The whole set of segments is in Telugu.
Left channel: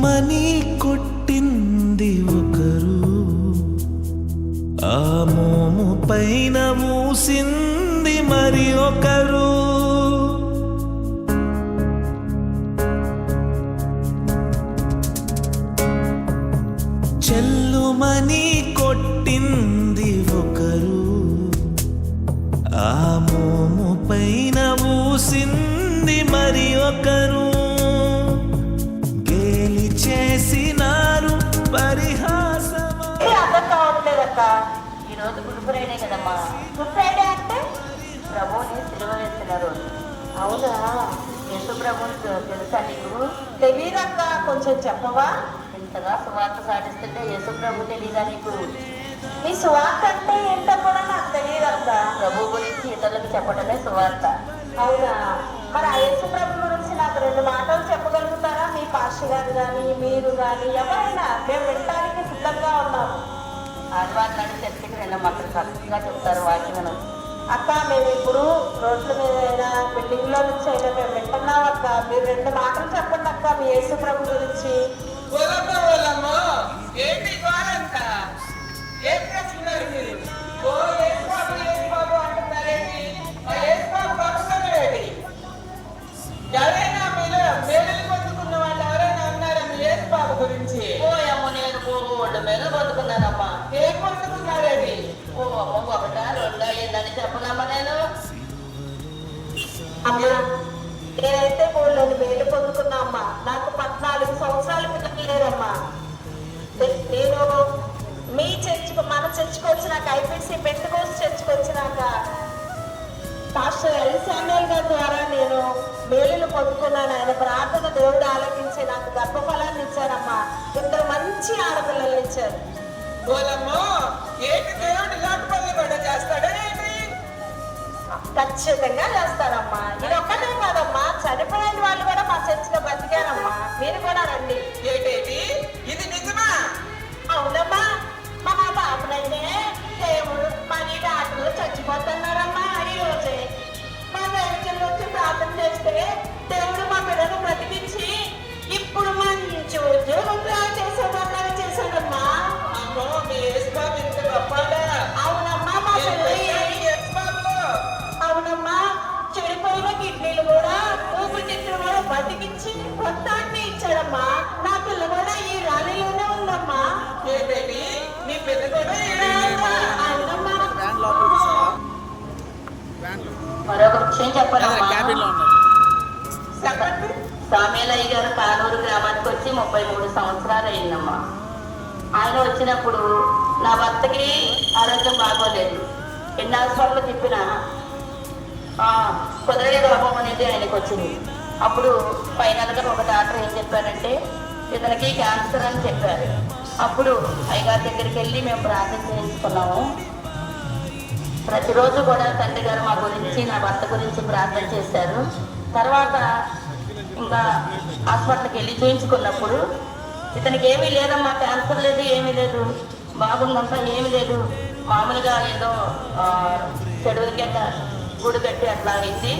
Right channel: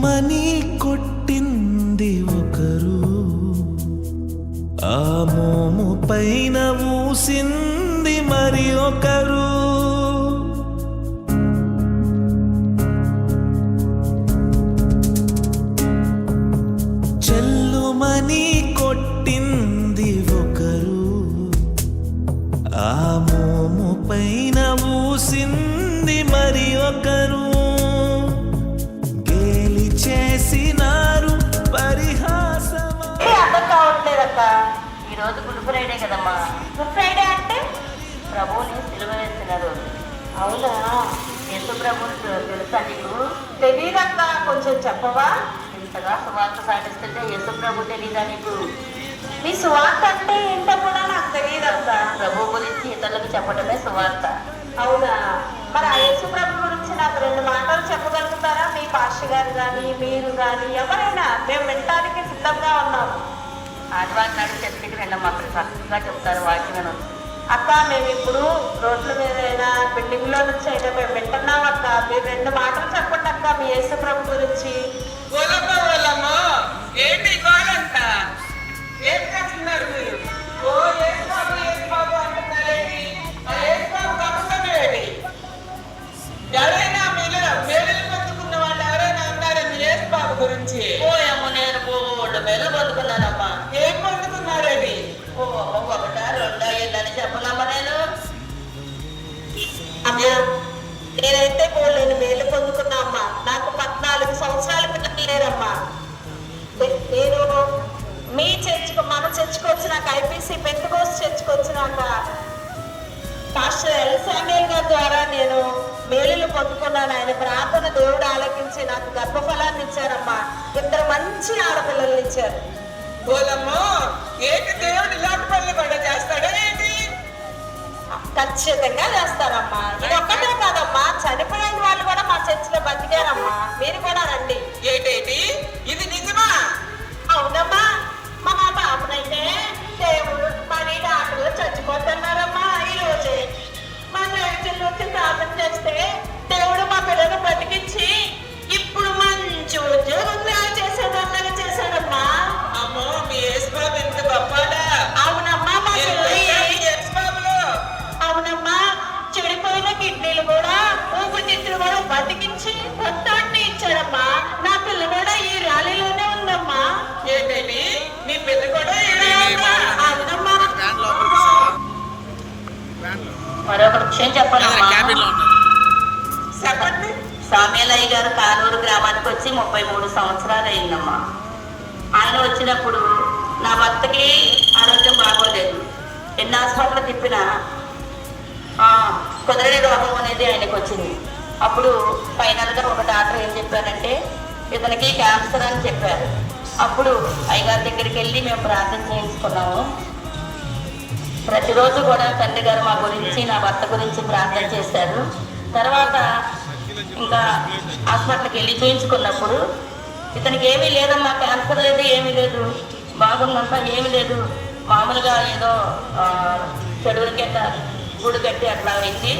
చెల్లుమని కొట్టింది ఒకరు, ఆ మోము పైన ఊసింది మరి ఒకరు. చెల్లుమని కొట్టింది ఒకరు, ఆ మోము పైన ఊసింది మరి ఒకరు. గేలి చేసినారు పరిహాసమా. అర్థం కావట్లేదక్క. ఈరోజు గుడ్ ఫ్రైడే కదమ్మా. గుడ్ ఫ్రైడే అంటే ప్రభువుని సిలువ వేసిన రోజు. అవునా? యేసు ప్రభువు తెలుసా నీకు? తెలీదక్క, కొంచెం చెప్పవా? ఇంతగా సువార్త సాగిస్తుంటే యేసు ప్రభు తెలీదా నీకు? నీ సువార్త అంటే ఏంటో కూడా నాకు తెలియదక్క. ప్రభు గురించి ఇతరులకు చెప్పడమే సువార్త. అవునా? మరి ఆ యేసు ప్రభు గురించి నాకు 2 మాటలు చెప్పగలుగుతారా? మీ పాస్టర్ గారు కానీ మీరు కానీ ఎవరైనా, మేము వినడానికి సిద్ధంగా ఉన్నాం. ఆదివారం చర్చికి వెళ్ళాం, అక్కడ చక్కగా చెప్తారు వాక్యం. అక్క, మేము ఇప్పుడు రోడ్ల మీద బిల్డింగ్ లో నుంచి అయినా మేము వింటున్నాం అక్క. మీరు 2 మాటలు చెప్పండి అక్క మీ యేసు ప్రభు గురించి. ఏంటి గోరంట? ఏం చేస్తున్నారు మీరు? ఓ యేసు బాబు అంటున్నారేంటి? యేసు బాబు పక్కనేటి ఎవరైనా మీరు మేలు పొందుకున్న వాళ్ళు ఎవరైనా ఉన్నారా మీ యేసు బాబు గురించి? ఓ అమ్మ, నేను బోర్డు మేలు పొందుకున్నానమ్మా. ఏం పొందుకున్నారని? ఓ అమ్మ, 1 2 అయ్యిందని చెప్పనమ్మా నేను. అమ్మా, నేనైతే బోర్డు మేలు పొందుకున్నా అమ్మా. నాకు 14 సంవత్సరాల పిల్లలు లేరమ్మా. నేను మీ చర్చకు, మన చర్చకు వచ్చినాక, ఐపీసీ పెంతకోస్తు చర్చకు వచ్చినాక పాస్టర్ ఎల్ శామ్యూయల్ గారి ద్వారా నేను మేలులు పొందుకున్నాను. ఆయన ప్రార్థన దేవుడు ఆలకించి నాకు గర్భఫలాన్ని ఇచ్చారమ్మా. 2 మంచి ఆడపిల్లల్ని ఇచ్చారు. ఓలమ్మో, ఏంటి దేవుడు ఇలాంటి పనులు కూడా చేస్తాడా ఏంటి? ఖచ్చితంగా చేస్తారమ్మా. ఇది ఒక్కటే కాదమ్మా, చనిపోయిన వాళ్ళు కూడా మా చర్చిలో బతికారమ్మా. మీరు కూడా రండి. ఏంటేంటి ఇది నిజమా? అవునమ్మా, మా బాబునైతే దేవుడు మరి డాక్టర్లు చచ్చిపోతున్నారమ్మా. ఈ రోజే మా చర్చిలో వచ్చి ప్రార్థన చేస్తే దేవుడు మా పిల్లలు బ్రతికించి ఇప్పుడు మంచి ఉద్యోగం చేసేదన్నది చేశాడమ్మా. అమ్మో, మీ యేసు బాబు ఇంత గొప్పడా? అవునమ్మా, మా యేసు బాబులో. అవునమ్మా, చెడిపోయిన కిడ్నీలు కూడా, ఊపిరితిత్తులు కూడా బతికించి రక్తాన్ని ఇచ్చాడమ్మా. నా పిల్ల కూడా ఈ ర్యాలీలోనే ఉందమ్మా. ఏంటండి మీ పిల్ల కూడా? అవునమ్మా. మరొక విషయం చెప్పాలమ్మా. చెప్పండి. సామ్యాలయ్య గారు కానూరు గ్రామానికి వచ్చి 33 సంవత్సరాలు అయిందమ్మా. ఆయన వచ్చినప్పుడు నా భర్తకి ఆరోగ్యం బాగోలేదు. ఎన్ని హాస్పిటల్ తిప్పినా కుదరని రోగం అనేది ఆయనకు వచ్చింది. అప్పుడు ఫైనల్గా ఒక డాక్టర్ ఏం చెప్పారంటే ఇతనికి క్యాన్సర్ అని చెప్పారు. అప్పుడు అయ్యగారి దగ్గరికి వెళ్ళి మేము ప్రార్థన చేయించుకున్నాము. ప్రతిరోజు కూడా తండ్రి గారు మా గురించి, నా భర్త గురించి ప్రార్థన చేశారు. తర్వాత ఇంకా హాస్పిటల్కి వెళ్ళి చూయించుకున్నప్పుడు ఇతనికి ఏమీ లేదమ్మా, క్యాన్సర్ లేదు, ఏమీ లేదు, బాగుందంతా, ఏమీ లేదు, మామూలుగా ఏదో చెడుల కింద గుడి కట్టి అట్లా అయింది,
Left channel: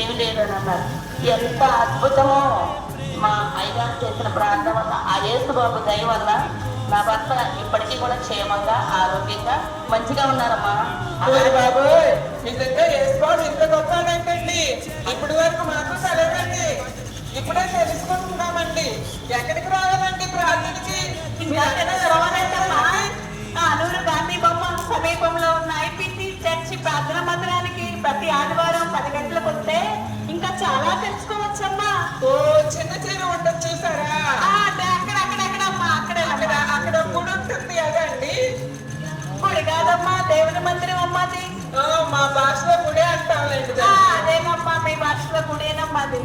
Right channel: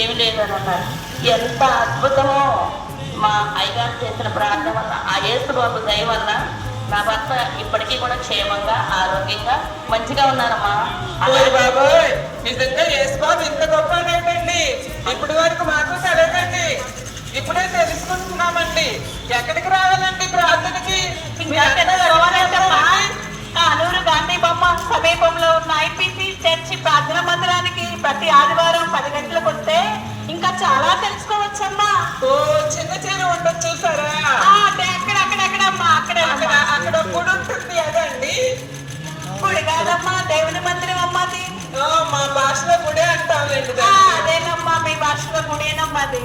ఏమి లేదు అని అన్నారు. ఎంత అద్భుతమో మా అయ్యగారు చేసిన ప్రార్థన వల్ల, ఆ యేసు బాబు దయ వల్ల నా భర్త ఇప్పటికీ కూడా క్షేమంగా, ఆరోగ్యంగా, మంచిగా ఉన్నారమ్మా. బాబు, నిజంగా యేసు బాబు ఇంత గొప్పనేటండి. ఇప్పటి వరకు మాకు తెలియదండి, ఇప్పుడే తెలుసుకుంటున్నామండి. ఎక్కడికి రావాలండి ప్రార్థనకి? కానూరు గాంధీ బొమ్మ సమీపంలో ఉన్న ఐపీసీ చర్చి ప్రార్థన మందిరానికి ప్రతి ఆదివారం 10 గంటలకు వస్తే ఇంకా చాలా తెలుసుకోవచ్చమ్మా. ఓ, చిన్న చీర ఉంటుంది చూసారా? అక్కడమ్మా, అక్కడ గుడి ఉంటుంది అదండి. గుడి కాదమ్మా, దేవుని మందిరం అమ్మాది. మా భాషలో గుడి అంటామండి. అదేనమ్మా, మీ భాషలో గుడేనమ్మాది.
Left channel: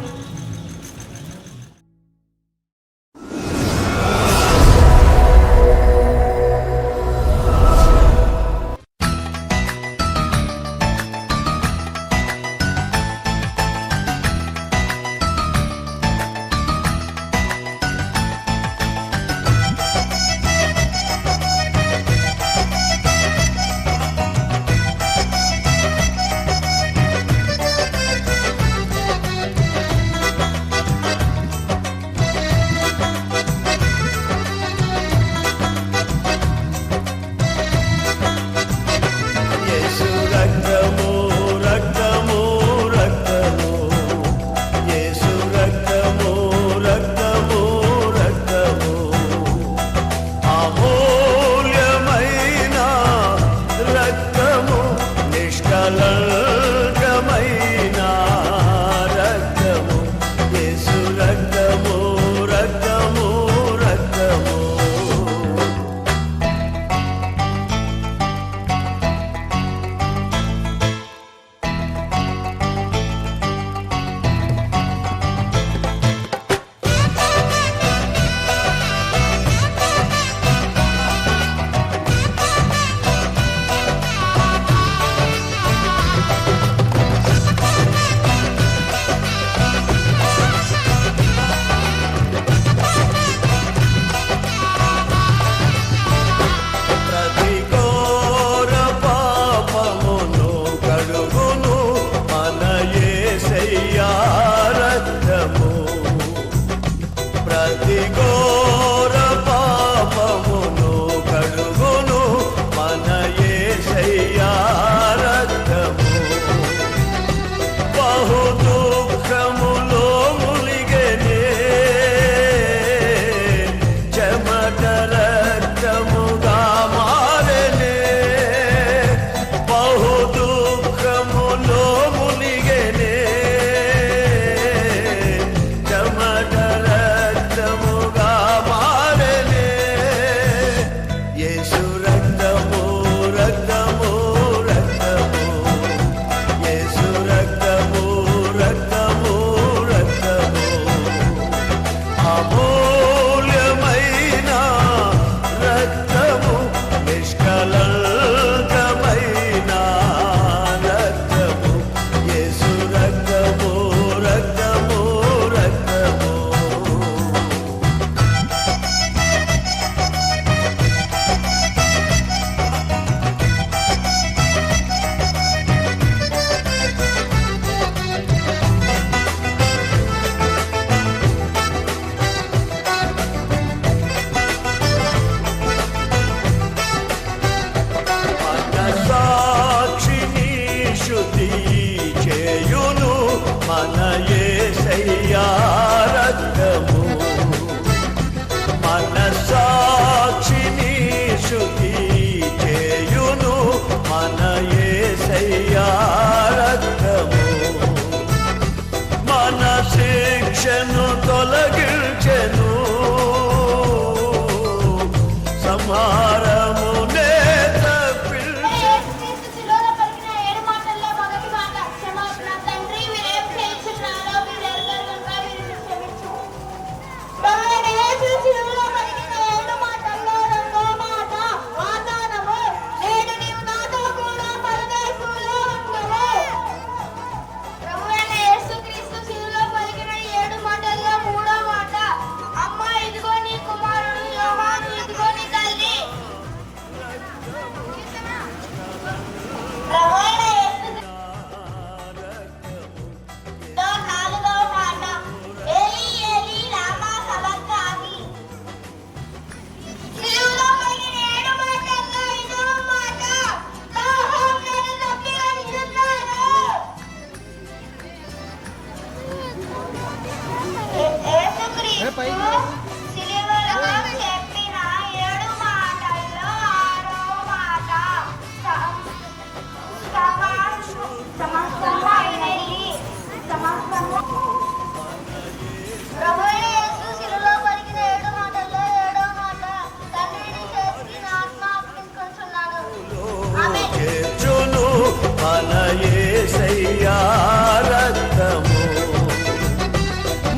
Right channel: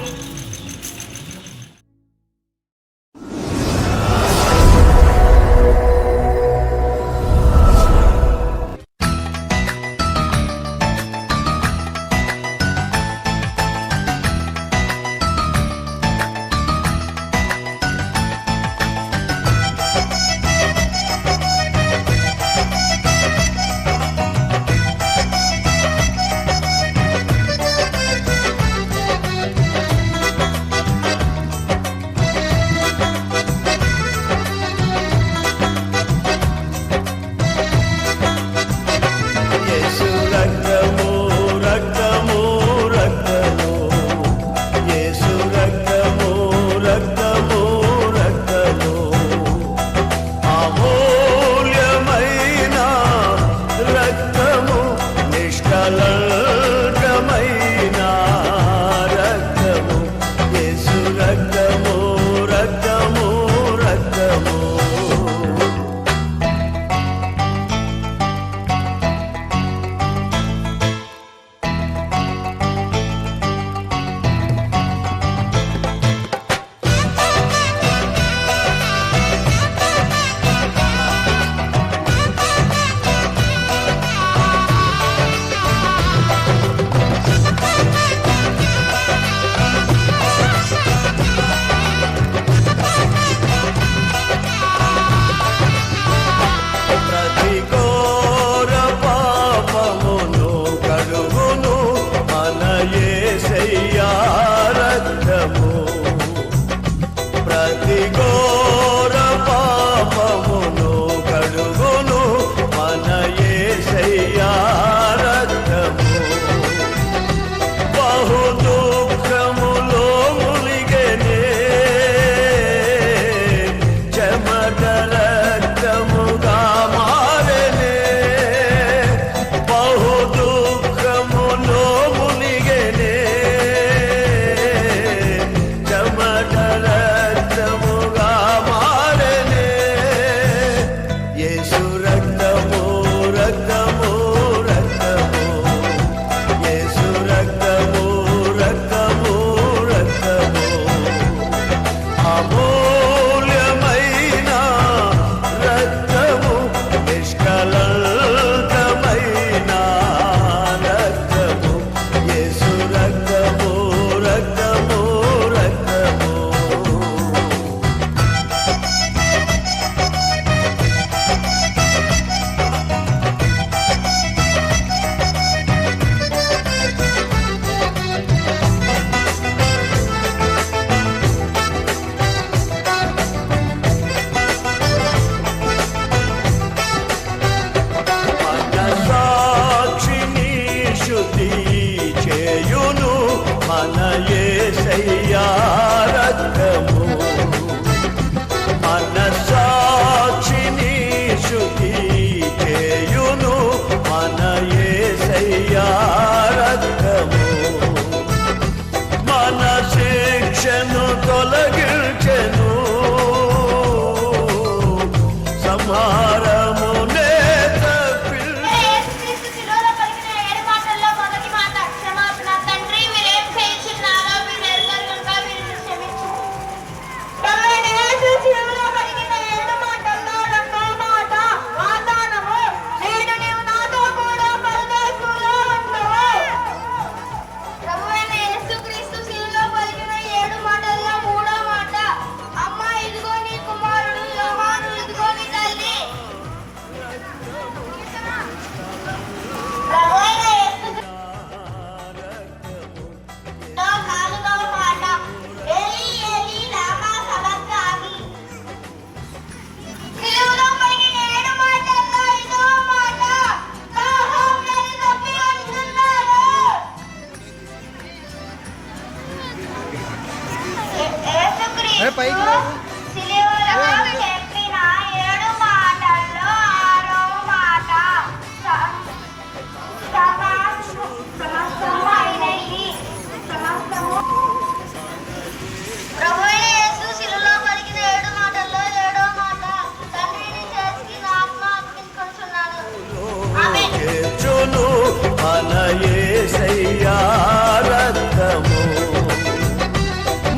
ఘోర పాపమును కడుగును మన యేసయ్యా రక్తము. బహు దుఃఖములో మునిగెనే చెమట రక్తముగా మారెనే. బహు దుఃఖములో మునిగెనే చెమట రక్తముగా మారెనే. యేసు రక్తము రక్తము రక్తము, యేసు రక్తము రక్తము రక్తము, అమూల్యమైన రక్తము, నిష్కళంకమైన రక్తము, యేసు రక్తము రక్తము రక్తము. మనసాక్షిని శుద్ధి చేయును మన యేసయ్యా రక్తము. మనసాక్షిని శుద్ధి చేయును మన యేసయ్యా రక్తము. మన శిక్షను తొలగించెను, సంహారమునే తప్పించెను. యేసుక్రీస్తు శిలువలో పలికిన 7 మాటల్లో మొదటి మాట క్షమాపణ. తండ్రి, మీరేం చేయుచున్నారో మీరు ఎరుగరు కనుక వీరిని క్షమించు. ప్రభువైన యేసు శిలువలో పలికిన 7 మాటల్లో రెండో మాట వాగ్దానము. నేడు నీవు నాతో కూడా పరదేశంలో ఉంటావు. ప్రభువైన యేసుక్రీస్తు శిలువలో పలికిన 7 మాటల్లో మూడో మాట అమ్మా, ఇదిగో నీ కుమారుడు, యోహాను, ఇదిగో నీ తల్లి. ప్రభువైన యేసుక్రీస్తులో నాలుగవ మాట ఏలీ ఏలీ లామా సబక్తానీ. శిలువలో పలికిన 7 మాటల్లో ఐదవ మాట దాహం నన్ను తప్పికొనుచున్నాడు. యేసుక్రీస్తు శిలువలో చెప్పిన 7 మాటల్లో ఆరో మాట సమస్తము అయినయి. సమస్తము. ప్రభువైన యేసు శిలువలో పలికిన 7 మాటల్లో ఏడో మాట తండ్రిని చేసి నా ఆత్మ అర్పించుకొనుచున్నాను. ఆమేన్. చేర్చును మన యేసయ్యా రక్తము.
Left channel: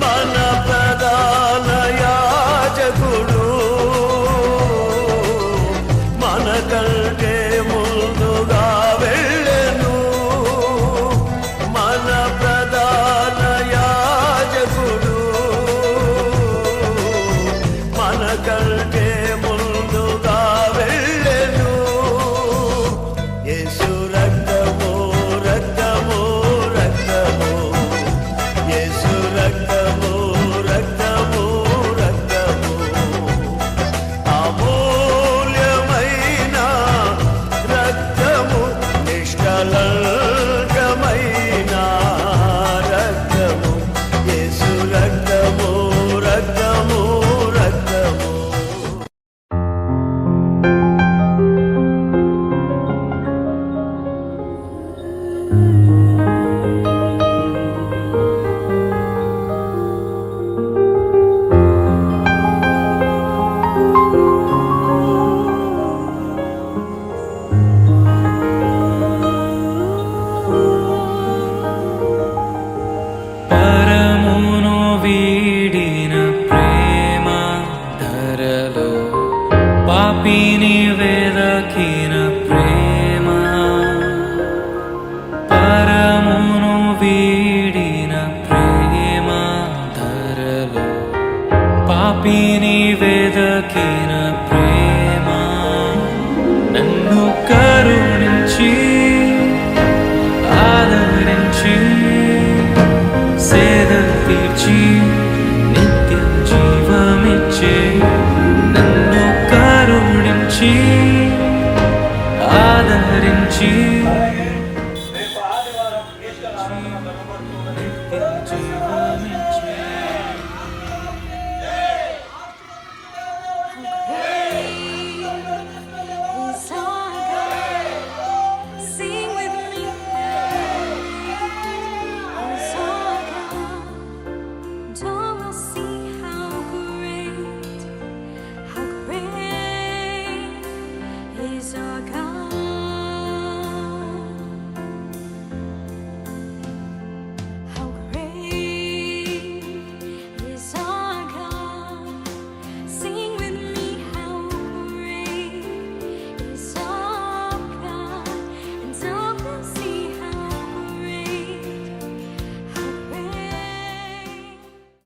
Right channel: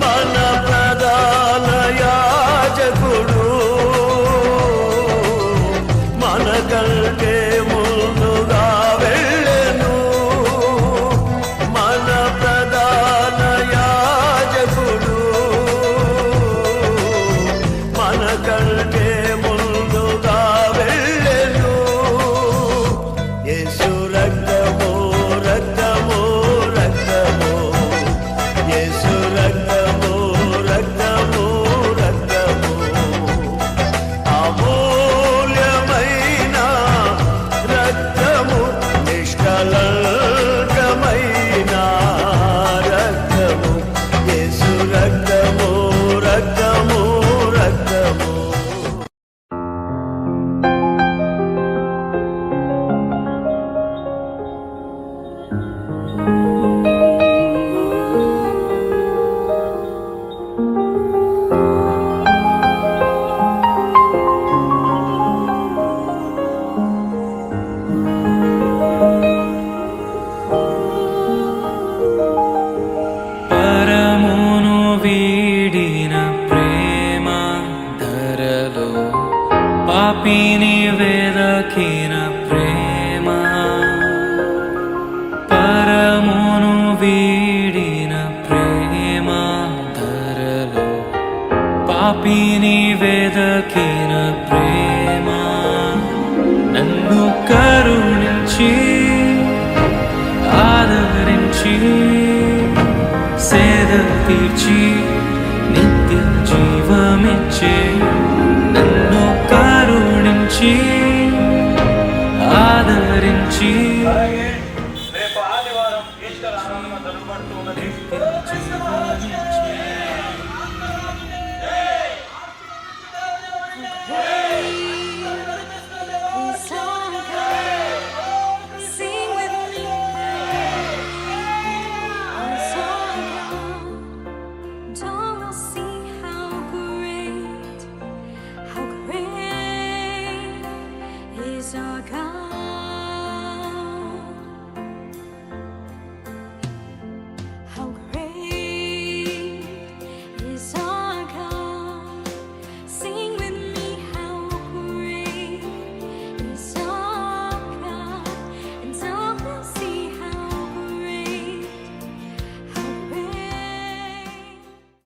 మన ప్రధాన యాజకుడు మనకంటే ముందుగా వెళ్ళెను. మన ప్రధాన యాజకుడు మనకంటే ముందుగా వెళ్ళెను. యేసు రక్తము రక్తము రక్తము, యేసు రక్తము రక్తము రక్తము, అమూల్యమైన రక్తము, నిష్కళంకమైన రక్తము, యేసు రక్తము రక్తము రక్తము. పరమును వీడిన ప్రేమ ధరలో పాపిని వెదకిన ప్రేమ. పరమును వీడిన ప్రేమ ధరలో పాపిని వెదకిన ప్రేమ. నన్ను కరుణించి ఆదరించి సేద తీర్చి నిత్య జీవమిచ్చే నన్ను కరుణించి ఆదరించి నిత్య జీవమిచ్చే Is our God. Sing with me. Is our God. Don't we'll see how great is our God.